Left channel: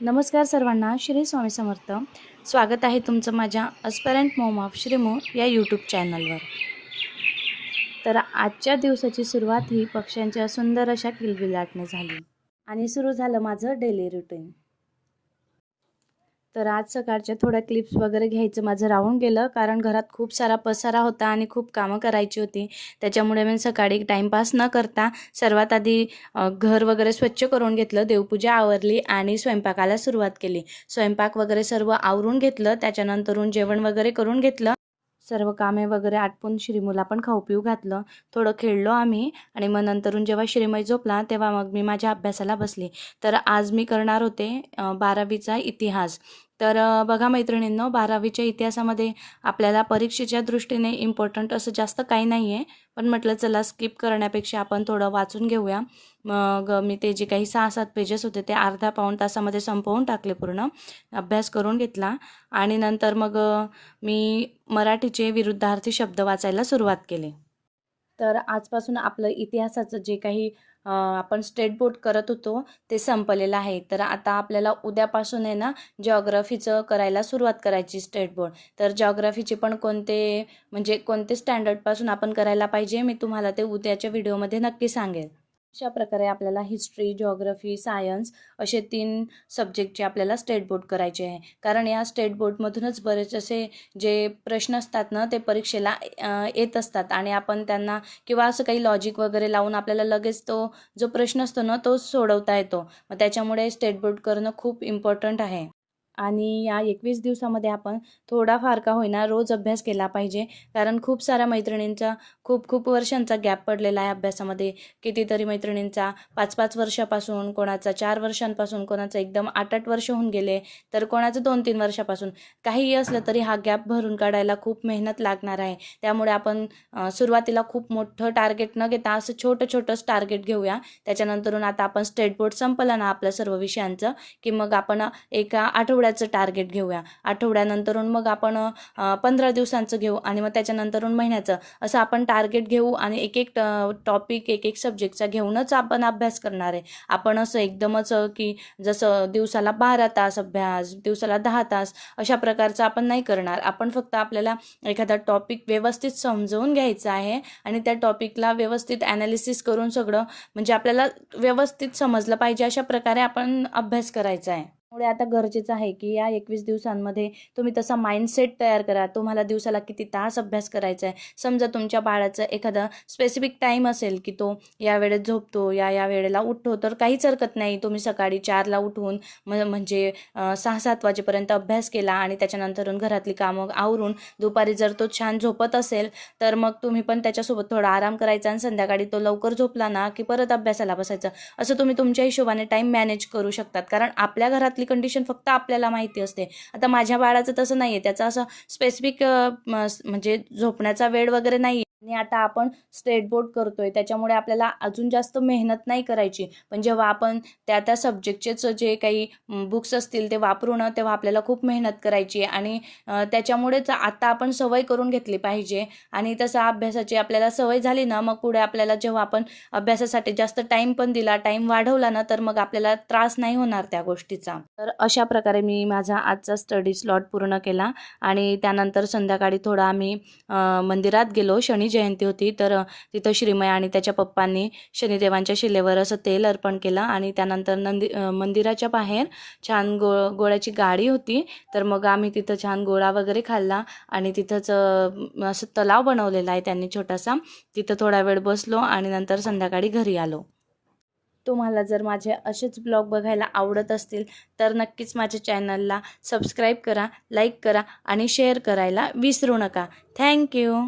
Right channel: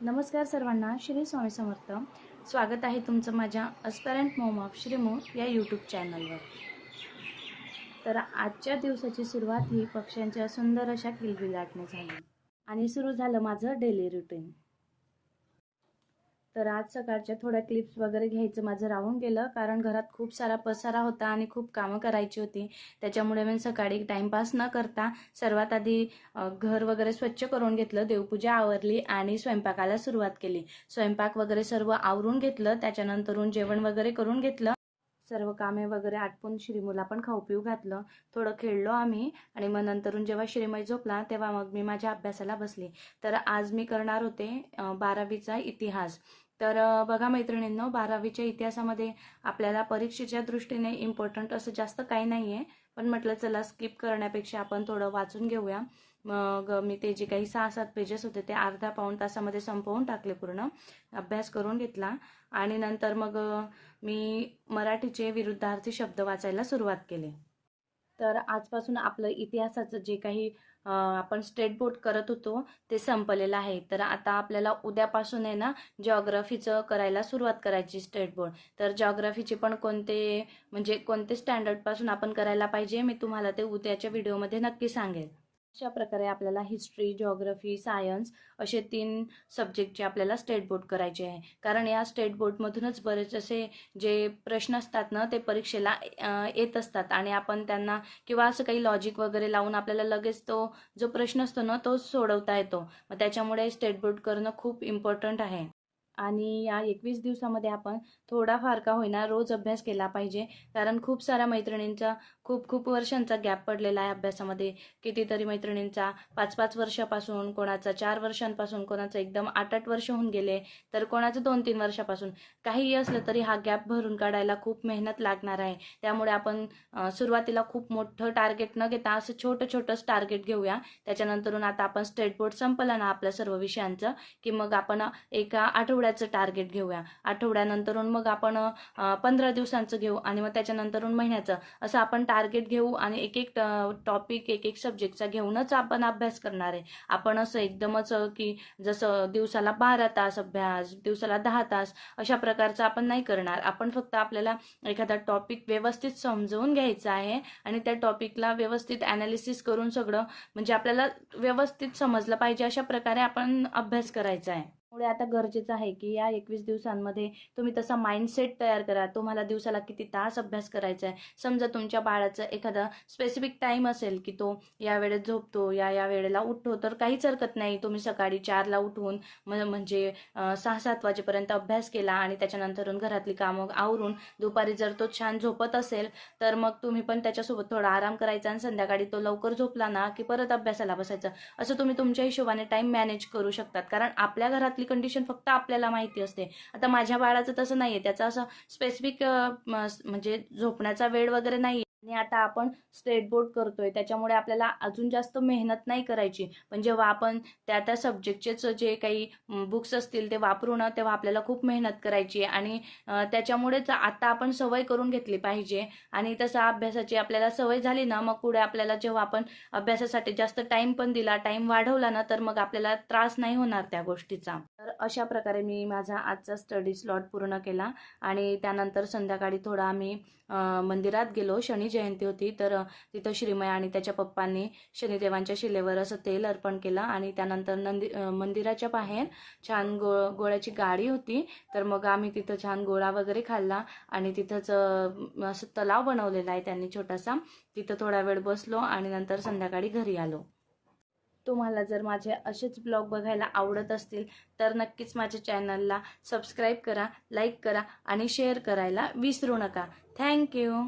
नमस्कार सर्वांना, श्री स्वामी समर्थ. स्वागत आहे तुमचं माझ्या अस्परंट मॉम ऑफ श्रीमू या यूट्यूब चॅनलवर. तर आजच्या दिवसाची सुरुवात ही पक्ष्यांच्या सुंदर अशा किलबिलाटने झाली आणि सुरू झालं माझं डेली रुटीन. तर आज सकाळच्या थोड्या क्लिप्स वगैरे घ्यायचं माझं राहून गेलं, कारण घरात खूप सारा पसारा होता आणि खूप कामं करायची होती. त्याच्यामुळे मी सकाळी टाईमपास न करता सर्वात आधी घर वगैरे स्वच्छ करून घेतलं, देवपूजा आवरली आणि स्वयंपाकाला सुरुवात केली. स्वयंपाक वगैरे सर्व आवरून घेतलं, त्याच्यानंतरून जेवण वगैरे करून घेतलं. सर्व कामे वगैरे आटपून श्रीमूला पण खाऊ पिऊ घातलं. थोडं खेळलो आम्ही आणि मग नंतरून जेव्हा श्रीमय झोपला तेव्हा मग मी माझ्या अभ्यासाला बसली. तर आज मी करणार होते 12वीचा इतिहास. तर बघा मैत्रिणींनो, 12वीच्या इतिहासामध्ये आपल्याला परीक्षेच्या दृष्टीने इम्पॉर्टंट असं जास्त काही नाही आहे, पण म्हटलं चला स्किप करण्यापेक्षा आपण थोडं वाचून घेऊया. मग मी ते जे काही 6-7 पेजेस होते ते अर्धा पाऊण तासामध्ये संपवून टाकले, पूर्ण अभ्यास करून घेतला. आणि नंतर मग मी मराठीचे विरुद्धार्थी शब्द वाचायला सुरुवात केली. तर आजपासून आपलं इतिहासाचं जे काही आपण स्टेट बोर्ड करत होतो ते संपलेलं आहे. तर आता आपल्याला उद्यापासून आहे ना जिओग्राफीचं करायला सुरुवात करायची स्टेट बोर्ड. तर जिओग्राफीचे पण म्हणजे कोणते स्टँडर्डपासून आपण करायला पाहिजे, मी तुम्हाला ते उद्याच्या व्हिडिओमध्ये नक्की सांगेल. अशा प्रकारे आपल्याला हिस्ट्री, जिओग्राफी, सायन्स असे 3 सब्जेक्टचे आपल्याला स्टेट बोर्ड करायचे आहे. कारण या स्टेट बोर्डमधूनच बरेच असे जे प्रश्न असतात ना ते परीक्षेला येत असतात आणि आपण त्यांना किंवा असं काही लॉजिक वगैरे लावून आपल्याला लगेच तो जो प्रश्न असतो ना तो सोडवता येतो. मग त्याच्यामुळे स्टेट बोर्ड करणं खूप इम्पॉर्टंट आहे. आणि या 21 दिवसामध्ये आपण थोडाफार का होईना रोज अभ्यास केला पाहिजे. कारण खूप साऱ्या मैत्रिणींचा खूप वर्षांचा गॅप पडलेला आहे अभ्यासामध्ये. कितीतरी मैत्रिणींचा 5-5 वर्षापासून, कोणाचा 4 वर्षांपासून, कोणाचं एकदम 8-8 वर्ष होऊन गेले, तर कोणाचं 2-3 वर्षापासून. काहीही असलं तरी हा गॅप भरून काढायला खूप मेहनत लागणार आहे. त्यामुळे आपण सुरुवातीला खूप मोठं टार्गेट न घेता असं छोटंच टार्गेट घेऊया. त्याच्यानंतरून आता आपण स्टेट बोर्ड संपलं ना आपल्या सर्व विषयांचं, की मग आपण एका आठवड्याचं टार्गेट घेऊया. आठवड्यानंतरून मग आपण 15 दिवसांचं घेऊ आणि मग त्याच्यानंतरून महिन्याचं. असं आपण टार्गेट घेऊ आणि एक टॉपिक, एक सब्जेक्टचा घेऊनच आपण अभ्यास करणार आहे. आपण असं एकदमच की जसं दिवसाला 12 तास अभ्यास, दिवसाला 10 तास अशा प्रकारचं आपण नाही करणार. आपण फक्त आपल्याला एखादा टॉपिक व्यवस्थित समजवून घ्यायचा आहे आणि त्या टॉपिकला व्यवस्थित ॲनालिसिस करून सगळं म्हणजे आपल्याला व्यवस्थित समजलं पाहिजे अशा प्रकारे आपण अभ्यास करायचा आहे. त्यामुळे आता गरजेचं आहे की या 21 दिवसांमध्ये तुम्ही तसा माइंडसेट तयार करा. तुम्हाला दिवसाला किती तास अभ्यास करायचा आहे. समजा तुमच्या बाळाचं एखादा स्पेसिफिक टाईम असेल की तो या वेळेत झोपतो, या वेळेला उठतो, तर काहीच हरकत नाही. तुम्ही सकाळी 4ला उठून म्हणजे 6-7 वाजेपर्यंत अभ्यास केला आणि त्याच्यानंतरून घरातली कामं आवरून दुपारी जर तो छान झोपत असेल तर मग तुम्ही पण त्याच्यासोबत थोडा आराम करायचा आणि संध्याकाळी तो लवकर झोपला ना की परत अभ्यासाला बसायचं. असं तुम्ही तुमच्या हिशोबाने टाईम मॅनेज करू शकतात. कारण आपल्या घरातली कंडिशन फक्त आपल्याला माहिती असते. आता माझ्या बाळाचं तसं नाही आहे. त्याचा असं स्पेसिफिक म्हणजे झोपण्याचा वेळ वगैरे नाही आहे. आणि आता आपण स्टेट बोर्ड करतोय त्याच्यामुळे आपल्याला अजून जास्त मेहनत नाही करायची. पण जेव्हा आपण त्या सब्जेक्टचेच जे काही बुक्स असतील ते वापरू ना, तेव्हा आपल्याला खूप मेहनत करायची आणि त्याच्यामुळेच आता आपण सवय करून घेतली पाहिजे. आणि तसं अभ्यासाची आपल्याला सवय झाली ना, मग पुढे आपल्याला जेव्हा आपण अभ्यासासाठी जास्त टाईम पण दिला, टाईम वाढवला ना, तर मग आपल्याला त्रास नाही होणार त्या गोष्टीचा. तर अशा प्रकारे मी माझा आजचा स्टडी स्लॉट पूर्ण केला आणि त्यानंतर संध्याकाळी थोडा आम्ही मंदिरात गेलो. शनी जयंती होती, तर तिथं श्रीमय आणि त्याच्या पप्पांनी शनिदेवांच्या शिलेवर असं तेल अर्पण केलं आणि त्यानंतर मंदिराच्या बाहेर छान गोळ्याची गाडी होती. तर मग आम्ही तिथं छान गोळा वगैरे खाल्ला आणि तिथंच असं तलाव बनवलेला आहे त्यांनी छोटासा. तिथं थोडा वेळ बसलो आणि नंतर संध्याकाळी घरी आलो. तुम्हाला जर माझे असेच ब्लॉग बघायला आवडत असतील तर नक्कीच माझ्या चॅनलला सबस्क्राईब करा, लाईक करा आणि शेअर करायला विसरू नका. थँक्यू.